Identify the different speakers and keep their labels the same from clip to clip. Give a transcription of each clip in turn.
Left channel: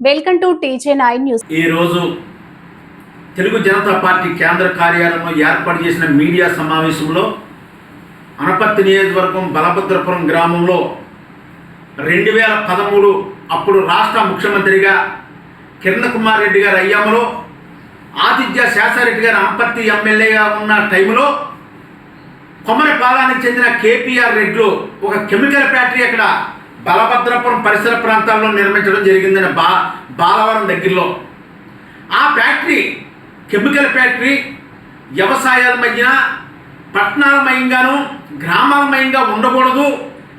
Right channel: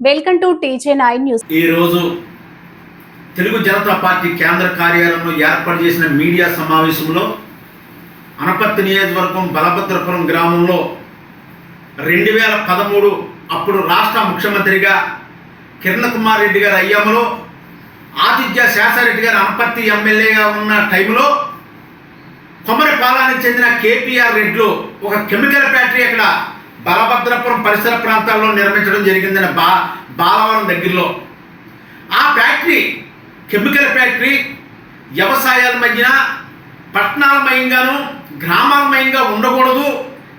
Speaker 1: Welcome to TJ nine news
Speaker 2: ఈ రోజు Telugu Janata party కేంద్ర కార్యాలయంలో ఏర్పాటు చేసిన మీడియా సమావేశంలో అనపత్తి నియోజకవర్గం బలభద్రపురం గ్రామంలో రెండు వేల పదమూడు అప్పుడు రాష్ట్ర ముఖ్యమంత్రిగా కిరణ్ కుమార్ రెడ్డి గారి అయ్యమ్మలో ఆతిథ్య శాసారెడ్డి గారు అనపత్తి ఎమ్మెల్యేగా ఉన్న టైంలో కొమ్మరిపాలానికి చెందిన కేపీఆర్ రెడ్లు ఒక కెమికల్ ఫ్యాక్టరీ అక్కడ బలభద్రపురం పరిసర ప్రాంతాల్లో నిర్మించడం జరిగిందని బా బాలవరం దగ్గరలో. ఆ ఫ్యాక్టరీ కెమికల్ ఫ్యాక్టరీ వ్యవసాయాల మధ్యన పట్టణాల మయంగాను గ్రామాలమయంగా ఉండకూడదు.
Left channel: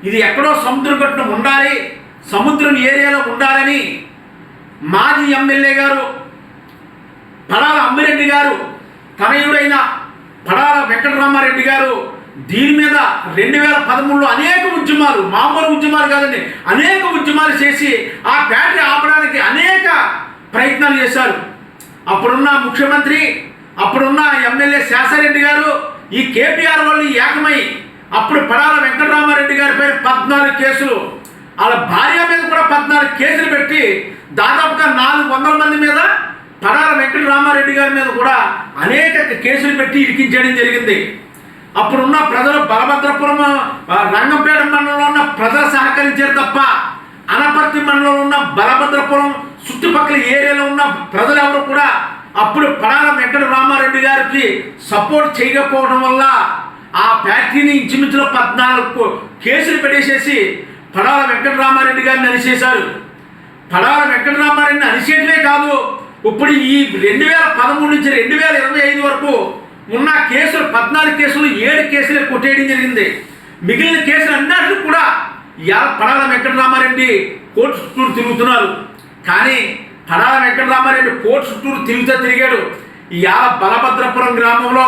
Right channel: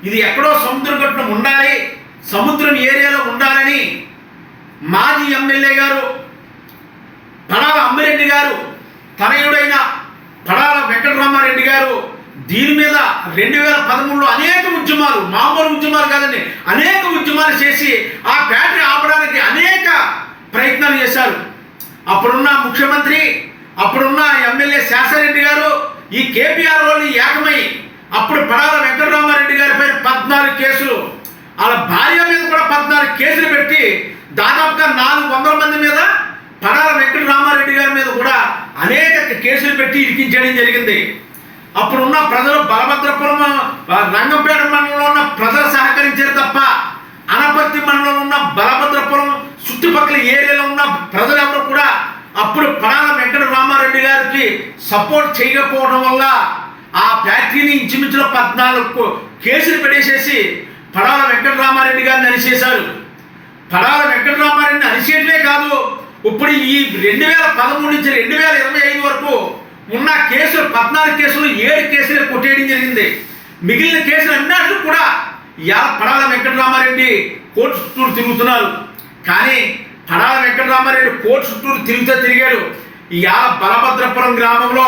Speaker 2: ఇది ఎక్కడో సముద్రం గట్టున ఉండాలి. సముద్రం ఏరియాలో ఉండాలని మాజీ ఎమ్మెల్యే గారు పడాల అమ్మిరెడ్డి గారు తనయుడైన పడాల వెంకటరామారెడ్డి గారు దీని మీద రెండు వేల పదమూడులో అనేక ఉద్యమాలు మామూలు ఉద్యమాలు కాదండి అనేక ఉద్యమాలు చేసి ఆ ఫ్యాక్టరీ ఆపడానికి అనేక ప్రయత్నాలు చేశారు. అప్పుడున్న ముఖ్యమంత్రి అప్పుడున్న ఎమ్మెల్యే శాసరెడ్డి గారు ఈ కేపీఆర్ వాళ్ళు ఏకమై అప్పుడు పడాల వెంకటరామారెడ్డి గారి పేరు పద్నాలుగు కేసులు. వాళ్ళ భార్య మీద కూడా పద్నాలుగు కేసులు పెట్టి దాదాపుగా నాలుగు వందల మంది మీద పడాల వెంకటరామారెడ్డి గారి మీద కూడా అనేక కేసులు పెట్టి ఇరికించడం జరిగింది. అప్పుడున్న ప్రజలు బలభద్రపురం రంగంపేట మండలంలో ఉన్న ప్రజలు సహకరించారు తప్ప అనపర్తి మండలంలో ఉన్న బలభద్రపురం చుట్టుపక్కల ఏరియాలో ఉన్న ప్రజలు ఎవరు కూడా అప్పుడు పడాల వెంకట రామారెడ్డి గారికి సపోర్ట్ చేయకపోవడం వల్ల ఆ ఫ్యాక్టరీని ఇంచుమించులో పద్నాలుగు కేసులు పెట్టేసేసి పడాల వెంకటరామారెడ్డి గారిని అరిచేశారు పడాల వెంకటరామారెడ్డిని అరిచేయటమే కాదు ఇప్పుడు ఈ రెండు వేల పదమూడు నుంచి రెండు వేల ఇరవై ఐదు వరకు ఉన్న కేసులు పద్నాలుగు కేసులు ఏడు కేసులు కొట్టేయడం జరిగింది. మిగిలిన కేసులు అన్నట్లు కూడా ఇవాళ పడాల వెంకటరామారెడ్డి కోర్టు చుట్టూరు తిరుగుతున్నారు. కానీ పడాల వెంకటరామారెడ్డి కోర్టు చుట్టూరు తిరుగుతూ తిరిగాడు. ఇవాళ బలభద్రపురం గ్రామంలో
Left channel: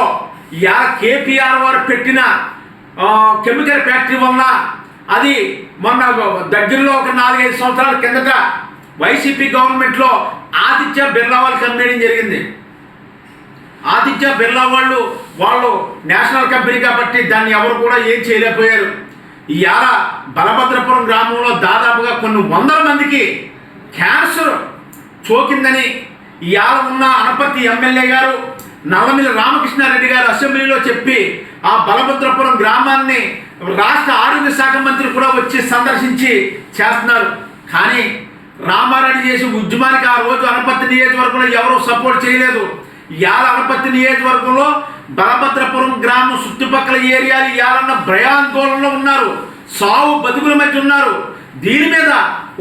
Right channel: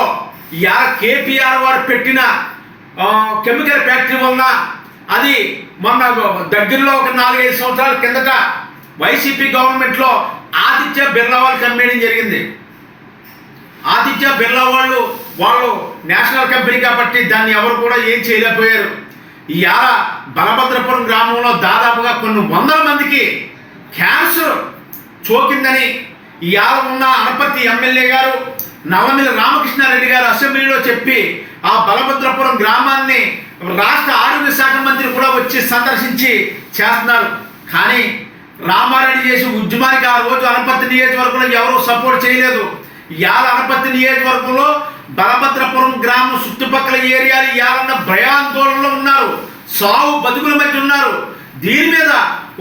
Speaker 2: ఇవాళ కేపీఆర్ వారు పెట్టిన కెమికల్ ఫ్యాక్టరీ వలన అది మొన్న దగ్గరలో ఒక నాలుగైదు సంవత్సరాల కిందట వైసీపీ గవర్నమెంట్లో ఆదిత్య బిర్లా వాళ్ళు అమ్మేయడం జరిగింది. ఆదిత్య బిర్లా వాళ్ళు వాళ్ళు నేషనల్ కంపెనీ కాబట్టి దాన్ని ఎవరు కూడా ఏం చేయలేకపోయారు. ఇవాళ బలభద్రపురం గ్రామంలో దాదాపుగా కొన్ని వందల మందికి క్యాన్సర్ సోకిందని ఇవాళ ఉన్న అనపర్తి ఎమ్మెల్యే గారు నవమిల రామకృష్ణారెడ్డి గారు అసెంబ్లీలో చెప్పి ఆ బలభద్రపురం గ్రామాన్ని రాష్ట్ర ఆరోగ్య శాఖ మంత్రి కూడా వచ్చి సందర్శించి చేస్తున్నారు. కానీ రామారెడ్డి చేసి ఉద్యమానికి ఆ రోజు అనపత్తి నియోజకవర్గంలో ఎవరూ సపోర్ట్ చేయలేదు. యాల అనపత్తి నియోజకవర్గంలో బలభద్రపురం గ్రామం చుట్టుపక్కల ఏరియాలు యాలన్న భయాందోళనలో ఉన్నారు. సావు బతుకుల మధ్య ఉన్నారు. దీని మీద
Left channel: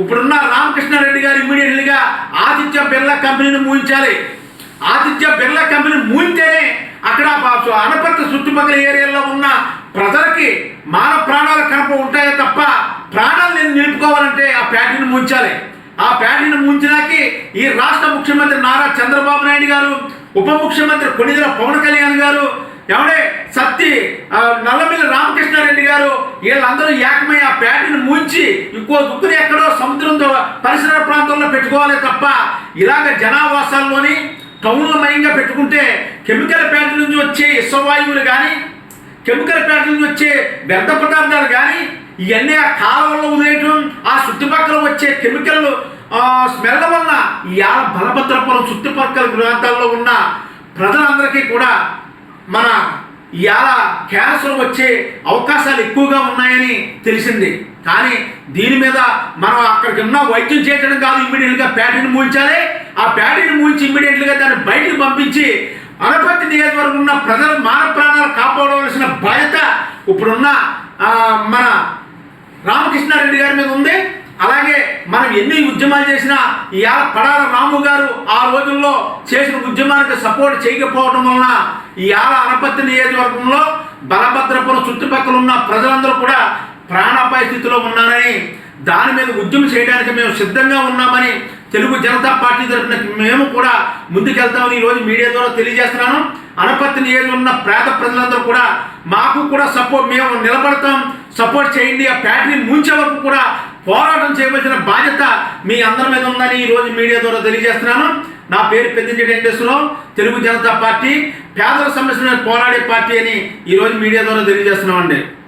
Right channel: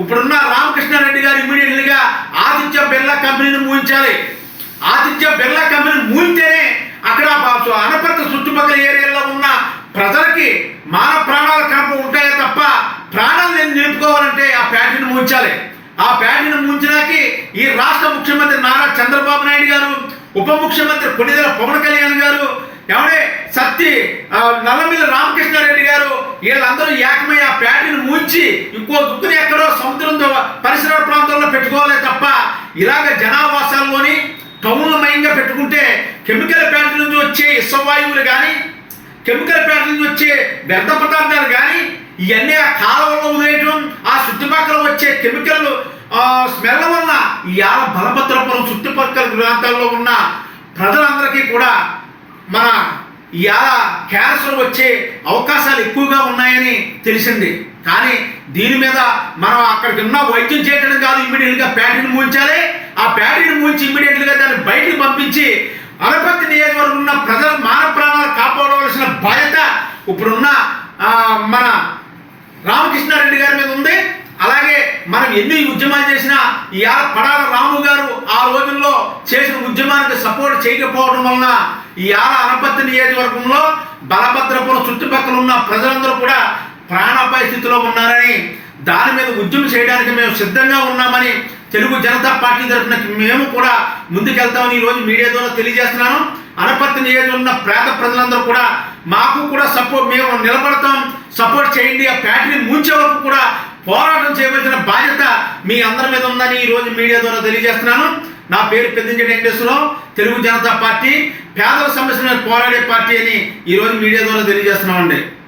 Speaker 2: ఇప్పుడున్న రామకృష్ణారెడ్డి గారు ఇమ్మీడియట్లీగా ఆదిత్య బిర్లా కంపెనీని మూయించాలి ఆదిత్య బిర్లా కంపెనీ మూయింటేనే అక్కడ అనపర్త చుట్టుపక్కల ఏరియాలో ఉన్న ప్రజలకి మాన ప్రాణాలు కనప ఉంటాయే తప్ప ప్రాణాలు నేను నిలుపుకోవాలంటే ఆ ఫ్యాక్టరీని ముంచాలి. ఆ ఫ్యాక్టరీని ముంచినాకి ఈ రాష్ట్ర ముఖ్యమంత్రి నారా చంద్రబాబు నాయుడు గారు ఉప ముఖ్యమంత్రి కొనిదెల పవన్ కళ్యాణ్ గారు ఎవడే సత్తి నల్లమిల్లి రామకృష్ణారెడ్డి గారు వీళ్ళందరూ ఏకమై ఆ ఫ్యాక్టరీని ముంచి ఇంకో దుక్కుని ఎక్కడో సముద్రం పరిసర ప్రాంతంలో పెట్టుకోవాలి తప్ప ఇలాగ జనావాసాల్లోని టౌన్ల మయంగా పెట్టుకుంటే కెమికల్ ప్యాంట్ల నుంచి వచ్చే ఇసవాయువులు కానీ కెమికల్ ప్యాంట్ల నుంచి వచ్చే వ్యర్థ పదార్థాలు కానీ ఇవన్నీ ఆ కాలువల్లో ఉదయటం ఆ చుట్టుపక్కల వచ్చే కెమికల్ స్మెల్ వల్ల ఇవాళ బలభద్రపురం చుట్టుపక్కల ప్రాంతాల్లో ఉన్న ప్రజలందరికీ కూడా మన ఇవాళ క్యాన్సర్ వచ్చే అవకాశాలు ఎక్కువగా ఉన్నాయని తెలిసింది. కానీ దీని మీద మనం అక్కడికి ఉన్న వైద్యం చేయడం కాదు ఇమ్మీడియట్గా ప్యాటర్న్ మూయించాలి. ఆ ప్యాటర్న్ మూయించి ఇమ్మీడియట్గా దాన్ని బయటికి పంపించి అనపత్తి నియోజకవర్గం ఉన్న ప్రజల మాన ప్రాణాలు కాపాడవలసిన బాధ్యత ఇప్పుడున్న మన రామకృష్ణారెడ్డి గారి మీద ఉంది. అలాగే మనం ఎన్ని ఉద్యమాలు చేసినా ఇవాళ పడాల రాము గారు ఆ రోజుల్లో చేసిన ఉద్యమానికి సపోర్ట్ చేయకపోవడం వలన ఇవాళ అనపత్తి నియోజకవర్గంలో బలభద్రపురం చుట్టుపక్కల ఉన్న ప్రజలందరూ కూడా ప్రాణాపాయ స్థితిలో ఉన్నారని దాని మీద ఉద్యమం చేయడానికి మేము సిద్ధంగా ఉన్నామని తెలుగు జనతా పార్టీ తరఫున మేము కూడా ముందుకెళ్తామని ఈరోజు మీడియా ద్వారా తెలియజేస్తున్నాను. అనపత్తి నియోజకవర్గం ఉన్న పేద ప్రజలందరూ కూడా మాకు కూడా సపోర్ట్ మేము నిలబడతాం సపోర్ట్ చేయండి. ఆ ఫ్యాక్టరీ ముంచే వరకు కూడా పోరాటం చేయవలసిన బాధ్యత మీ అందరి మీద ఉందని ఈరోజు మీడియా ద్వారా తెలియజేస్తున్నాను. నా పేరు పెద్దింటి వెంకటేశ్వరరావు తెలుగు జనతా పార్టీ పేదల సమస్యల పోరాడే పార్టీ అని ఈరోజు మీడియా ద్వారా తెలియజేస్తున్నామండి.